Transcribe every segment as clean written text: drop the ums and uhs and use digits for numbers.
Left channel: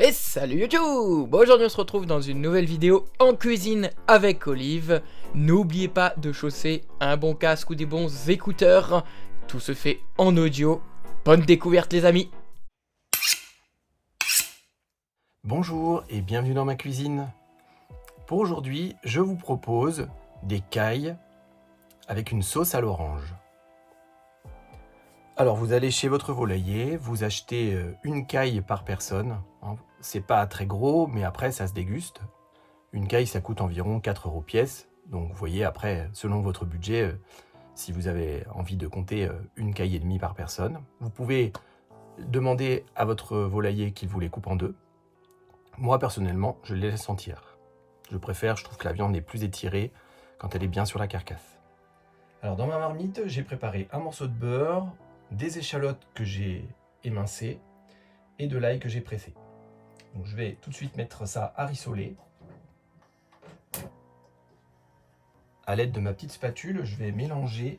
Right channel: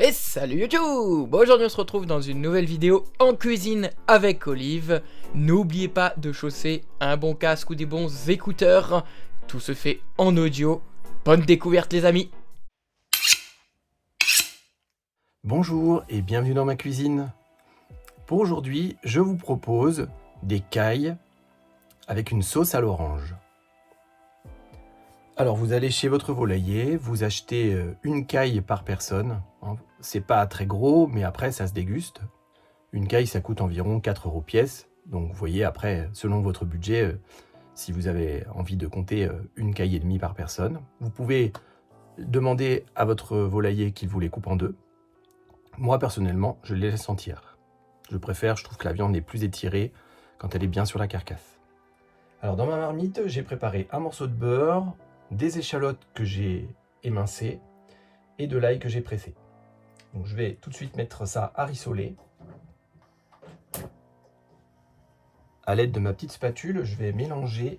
Et salut YouTube! Aujourd'hui on se retrouve dans une nouvelle vidéo en cuisine avec Olive. N'oubliez pas de chausser un bon casque ou des bons écouteurs. Tout se fait en audio. Bonne découverte les amis! Bonjour et bienvenue dans ma cuisine. Pour aujourd'hui, je vous propose des cailles avec une sauce à l'orange. Alors vous allez chez votre volailler, vous achetez une caille par personne. C'est pas très gros, mais après ça se déguste. Une caille ça coûte environ 4 € pièce. Donc vous voyez après, selon votre budget, si vous avez envie de compter une caille et demie par personne. Vous pouvez demander à votre volailler qu'il vous les coupe en deux. Moi, personnellement, je les laisse entières. Je trouve que la viande est plus étirée quand elle est bien sur la carcasse. Alors, dans ma marmite, j'ai préparé un morceau de beurre, des échalotes que j'ai émincées et de l'ail que j'ai pressé. Donc, je vais tout de suite mettre ça à rissoler. À l'aide de ma petite spatule, je vais mélanger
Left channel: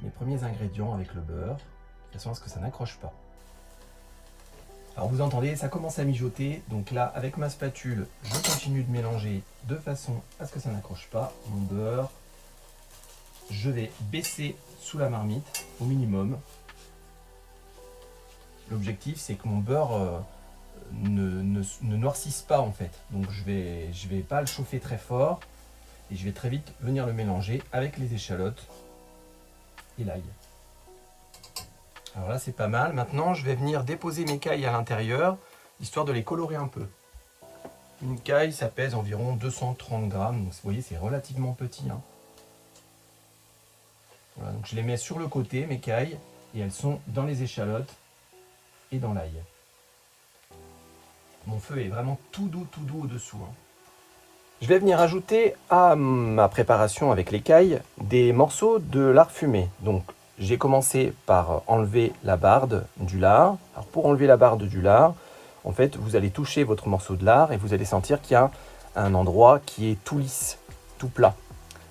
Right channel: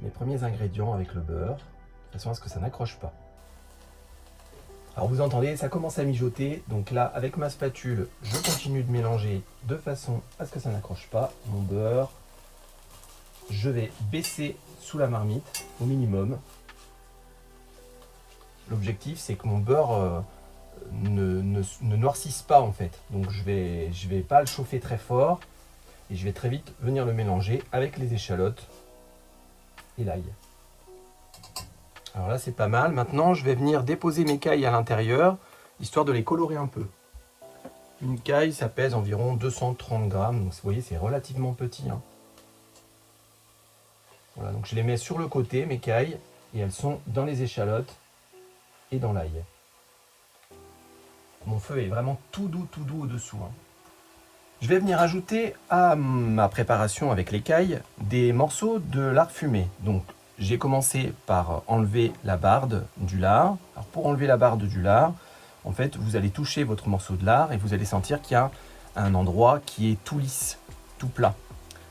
mes premiers ingrédients avec le beurre, de façon à ce que ça n'accroche pas. Alors vous entendez, ça commence à mijoter, donc là avec ma spatule, je continue de mélanger de façon à ce que ça n'accroche pas mon beurre. Je vais baisser sous la marmite au minimum. L'objectif c'est que mon beurre ne noircisse pas en fait, donc je vais pas le chauffer très fort et je vais très vite venir le mélanger avec les échalotes et l'ail. Alors là, c'est pas mal. Maintenant, je vais venir déposer mes cailles à l'intérieur, histoire de les colorer un peu. Une caille, ça pèse environ 230 grammes. Donc, vous voyez, c'est relativement petit. Voilà, donc je les mets sur le côté, mes cailles, et elles sont dans les échalotes et dans l'ail. Mon feu est vraiment tout doux au-dessous. Je vais venir ajouter à ma préparation avec les cailles des morceaux de lard fumé. Donc, j'ai commencé par enlever la barde du lard. Alors pour enlever la barde du lard, en fait, vous allez toucher votre morceau de lard et vous allez sentir qu'il y a un endroit qui est tout lisse, tout plat.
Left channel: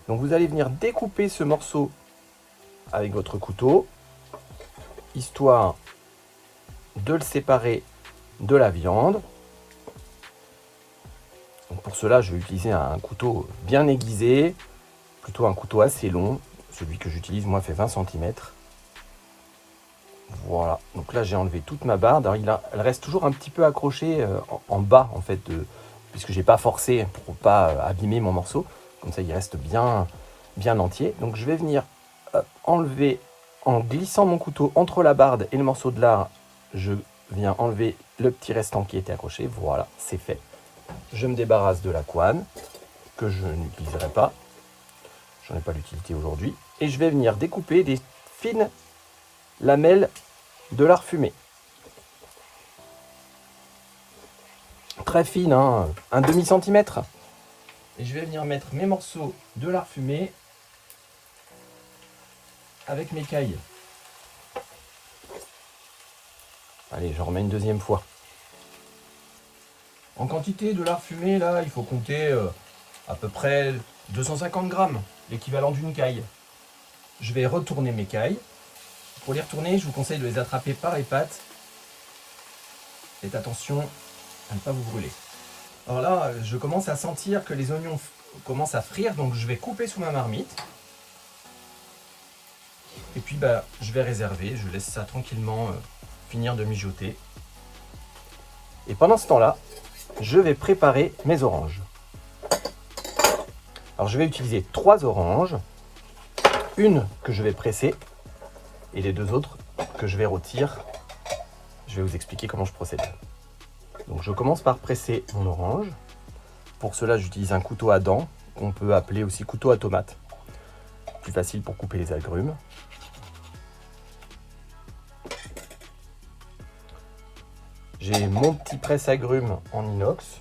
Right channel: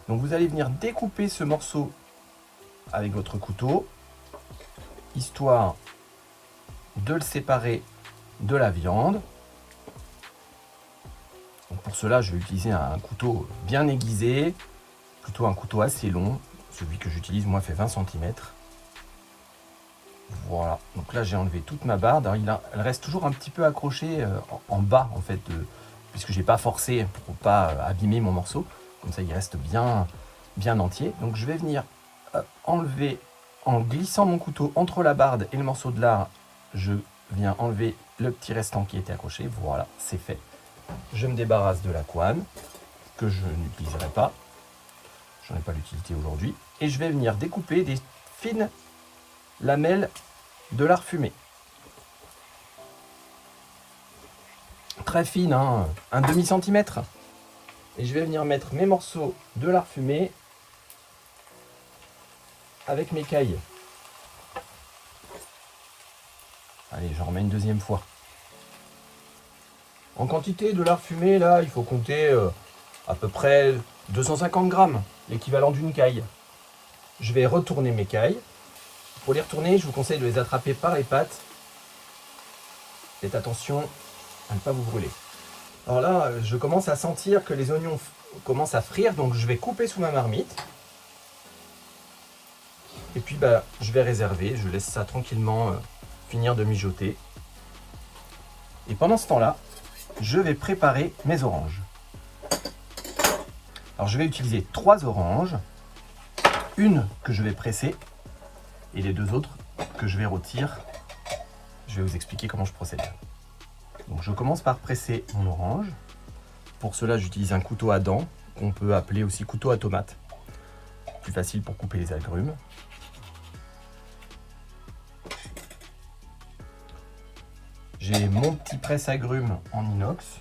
Donc vous allez venir découper ce morceau avec votre couteau, histoire de le séparer de la viande. Donc pour cela, je vais utiliser un couteau bien aiguisé, plutôt un couteau assez long. Celui que j'utilise, moi, fait 20 cm. Voilà. Donc là, j'ai enlevé toute ma barde. Alors, elle reste toujours un petit peu accrochée en bas, en fait, puisque j'ai pas forcé pour pas abîmer mon morceau. Comme ça, il reste bien entier. Donc, je vais venir enlever, en glissant mon couteau entre la barde et le morceau de lard, je viens enlever le petit restant qui était accroché. Voilà, c'est fait. Je me débarrasse de la couenne, que je n'utiliserai pas. J'en ai pas l'utilité aujourd'hui. Et je vais venir découper des fines lamelles de lard fumé. Très fines, hein, un demi-centimètre. Et je vais venir mettre mes morceaux de lard fumé avec mes cailles. Allez, j'en remets une deuxième fois. En quantité de lard fumé, là, il faut compter à peu près 250 grammes, l'équivalent d'une caille. Je vais retourner mes cailles. Pour les retourner, je vous conseille de les attraper par les pattes. Faites attention à ne pas vous brûler. Alors là, je commence à sentir que les oignons commencent à frire, donc je vais couper sous ma marmite. Et puis je vais réserver, je laisse ça tranquillement finir de mijoter. Et pendant ce temps-là, je vais préparer mes oranges. Alors je vais utiliser 3 oranges, une que je vais presser et les 2 autres que je vais rôtir. Je vais vous expliquer comment je procède. Donc je commence par presser mon orange. Pour cela, j'utilise un couteau à dents, qu'on peut appeler aussi couteau à tomate. Plus facile pour couper les agrumes. J'ai mon petit presse-agrumes en inox.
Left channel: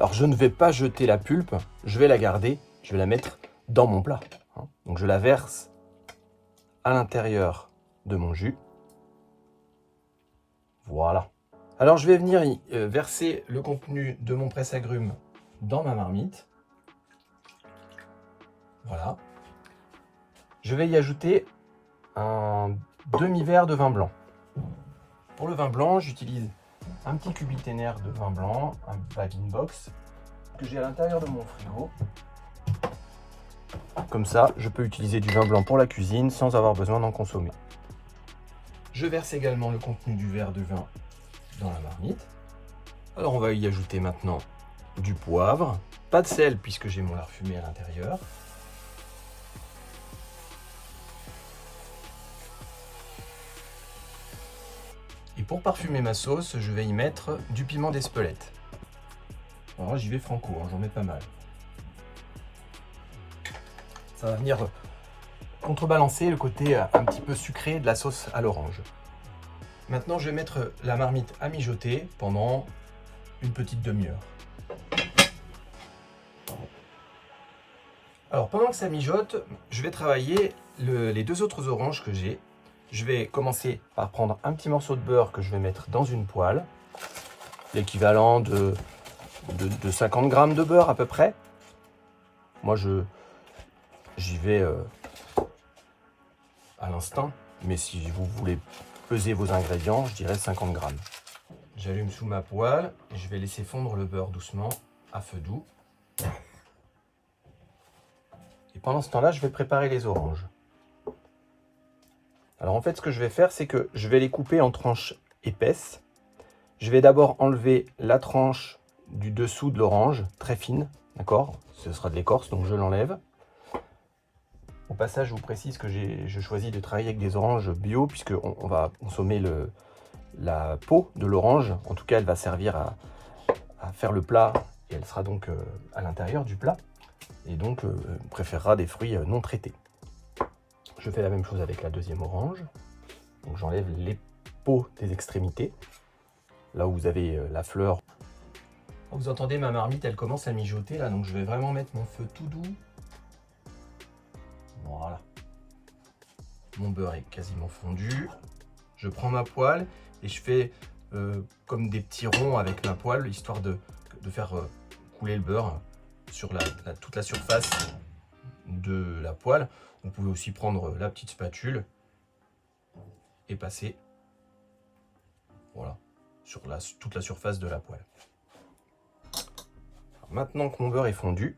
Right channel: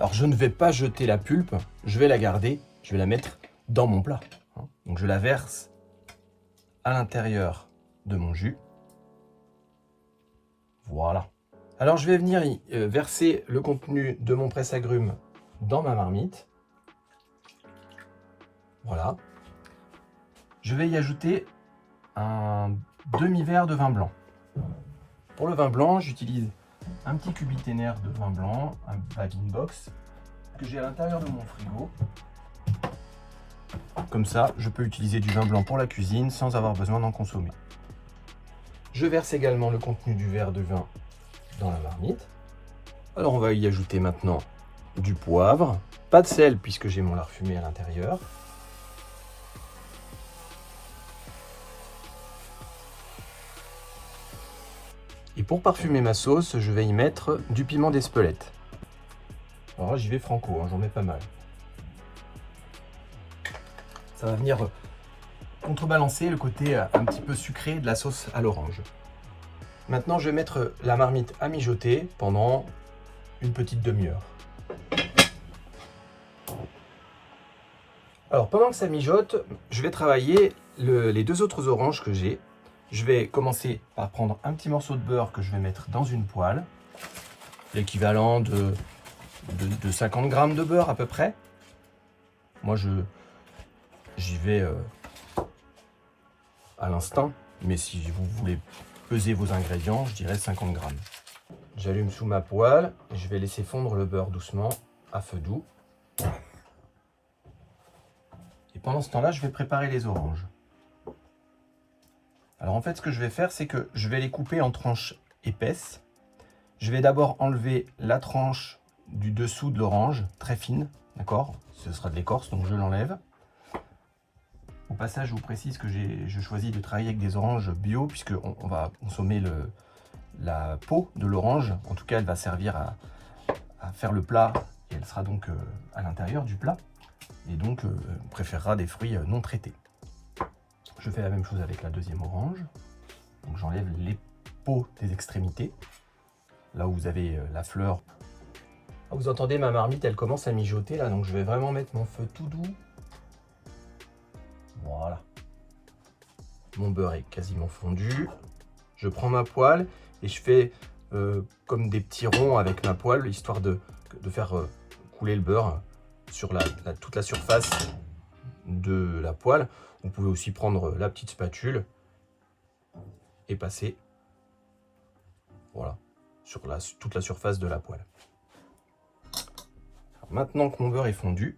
Alors je ne vais pas jeter la pulpe, je vais la garder, je vais la mettre dans mon plat. Donc je la verse à l'intérieur de mon jus. Voilà. Alors je vais venir verser le contenu de mon presse-agrumes dans ma marmite. Voilà. Je vais y ajouter un demi-verre de vin blanc. Pour le vin blanc, j'utilise un petit cubiténaire de vin blanc, un bag-in-box, que j'ai à l'intérieur de mon frigo. Comme ça, je peux utiliser du vin blanc pour la cuisine sans avoir besoin d'en consommer. Je verse également le contenu du verre de vin dans la marmite. Alors on va y ajouter maintenant du poivre, pas de sel puisque j'ai mon lard fumé à l'intérieur. Et pour parfumer ma sauce, je vais y mettre du piment d'Espelette. Alors là, j'y vais franco, j'en mets pas mal. Ça va venir contrebalancer le côté un petit peu sucré de la sauce à l'orange. Maintenant, je vais mettre la marmite à mijoter pendant une petite demi-heure. Alors, pendant que ça mijote, je vais travailler les deux autres oranges que j'ai. Je vais commencer par prendre un petit morceau de beurre que je vais mettre dans une poêle. L'équivalent de 50 grammes de beurre à peu près. Moi, j'y vais à l'instinct, mais si vous voulez peser vos ingrédients, je dirais 50 grammes. J'allume sous ma poêle et je vais laisser fondre le beurre doucement à feu doux. Et pendant ce temps-là, je vais préparer les oranges. Alors en fait, ce que je vais faire, c'est que je vais les couper en tranches épaisses. Je vais d'abord enlever la tranche du dessous de l'orange, très fine, d'accord? Ce sera de l'écorce, donc je l'enlève. Au passage, je vous précise que je choisis de travailler avec des oranges bio, puisqu'on va consommer la peau de l'orange. En tout cas, elle va servir à faire le plat, et elle sera donc à l'intérieur du plat. Et donc, on préférera des fruits non traités. Je fais la même chose avec la deuxième orange. Donc j'enlève les peaux des extrémités, là où vous avez la fleur. Vous entendez ma marmite, elle commence à mijoter là, donc je vais vraiment mettre mon feu tout doux. Voilà. Mon beurre est quasiment fondu. Je prends ma poêle et je fais comme des petits ronds avec ma poêle, histoire de faire couler le beurre sur toute la surface de la poêle. Vous pouvez aussi prendre la petite spatule et passer, voilà, sur toute la surface de la poêle. Alors maintenant que mon beurre est fondu,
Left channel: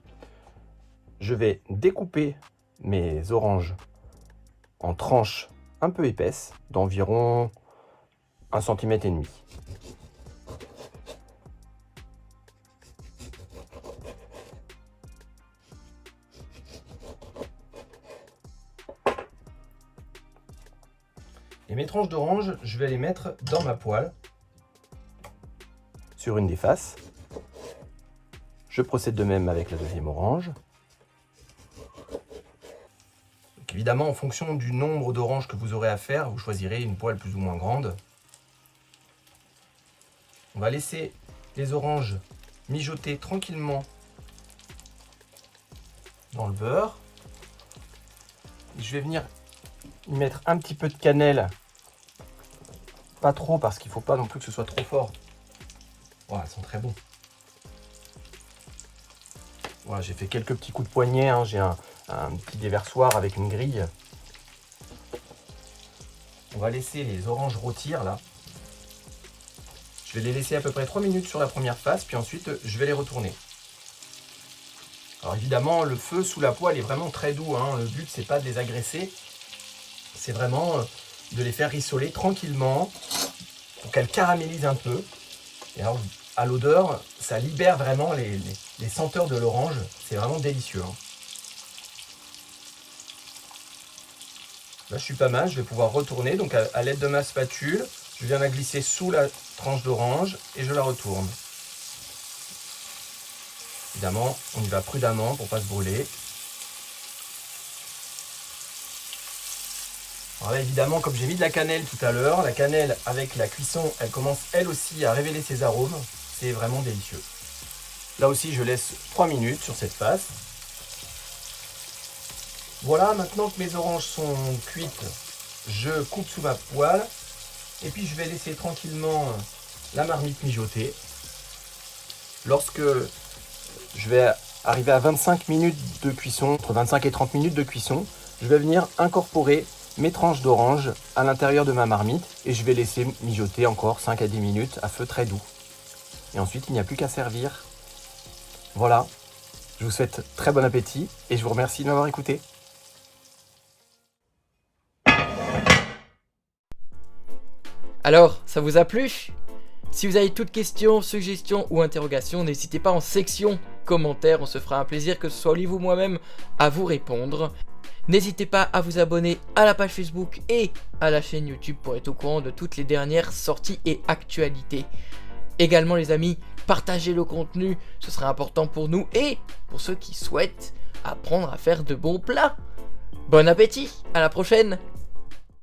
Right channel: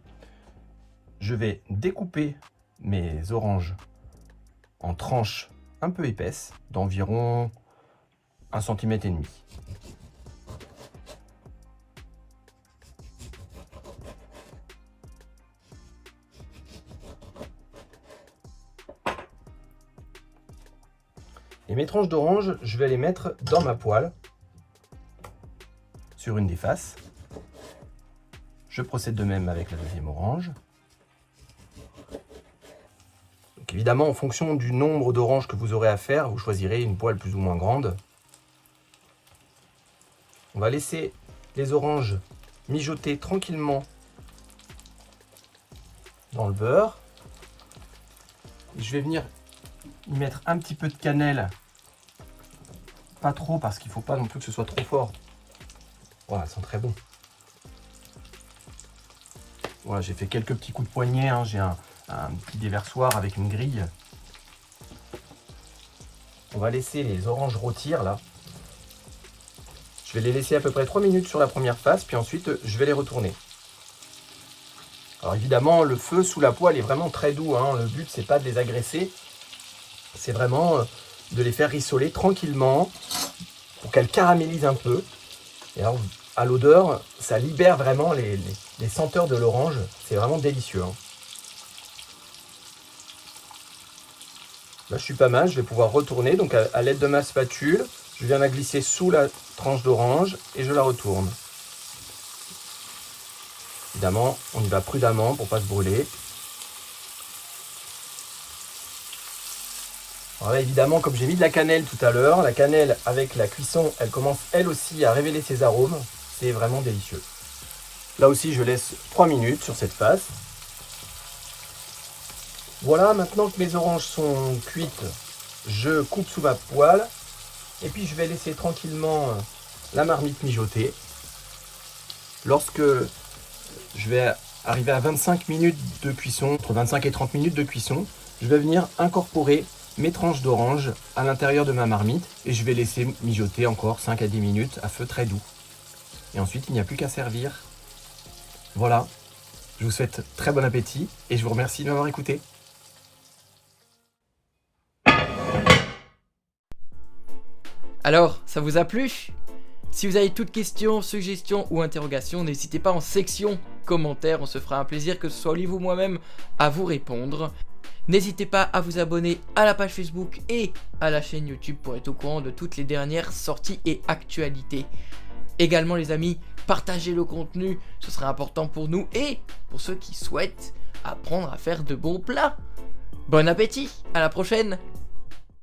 je vais découper mes oranges en tranches un peu épaisses, d'environ 1,5 cm. Et mes tranches d'orange, je vais les mettre dans ma poêle, sur une des faces. Je procède de même avec la deuxième orange. Donc évidemment, en fonction du nombre d'oranges que vous aurez à faire, vous choisirez une poêle plus ou moins grande. On va laisser les oranges mijoter tranquillement dans le beurre. Je vais venir y mettre un petit peu de cannelle. Pas trop, parce qu'il ne faut pas non plus que ce soit trop fort. Voilà, ça sent très bon. Voilà, j'ai fait quelques petits coups de poignet, hein. J'ai un petit déversoir avec une grille. On va laisser les oranges rôtir là. Je vais les laisser à peu près 3 minutes sur la première face, puis ensuite je vais les retourner. Alors évidemment, le feu sous la poêle est vraiment très doux, hein. Le but, c'est pas de les agresser. C'est vraiment de les faire rissoler tranquillement pour qu'elles caramélisent un peu. Et alors, à l'odeur, ça libère vraiment les senteurs de l'orange. C'est vraiment délicieux, hein. Là, je suis pas mal. Je vais pouvoir retourner. Donc, à l'aide de ma spatule, je viens la glisser sous la tranche d'orange et je la retourne. Évidemment, on y va prudemment pour ne pas se brûler. Alors là, évidemment, comme j'ai mis de la cannelle tout à l'heure, la cannelle avec la cuisson, elle commence elle aussi à révéler ses arômes. C'est vraiment délicieux. Là aussi, je laisse 3 minutes sur cette face. Voilà, maintenant que mes oranges sont cuites, je coupe sous ma poêle. Et puis, je vais laisser tranquillement la marmite mijoter. Lorsque je vais Arrivé à 25 minutes de cuisson, entre 25 et 30 minutes de cuisson, je vais venir incorporer mes tranches d'orange à l'intérieur de ma marmite et je vais laisser mijoter encore 5 à 10 minutes à feu très doux. Et ensuite, il n'y a plus qu'à servir. Voilà, je vous souhaite très bon appétit et je vous remercie de m'avoir écouté. Alors, ça vous a plu ? Si vous avez toute question, suggestion ou interrogation, n'hésitez pas en section commentaires, on se fera un plaisir que ce soit Olive ou moi-même à vous répondre. N'hésitez pas à vous abonner à la page Facebook et à la chaîne YouTube pour être au courant de toutes les dernières sorties et actualités. Également les amis, partagez le contenu, ce sera important pour nous et pour ceux qui souhaitent apprendre à faire de bons plats. Bon appétit, à la prochaine!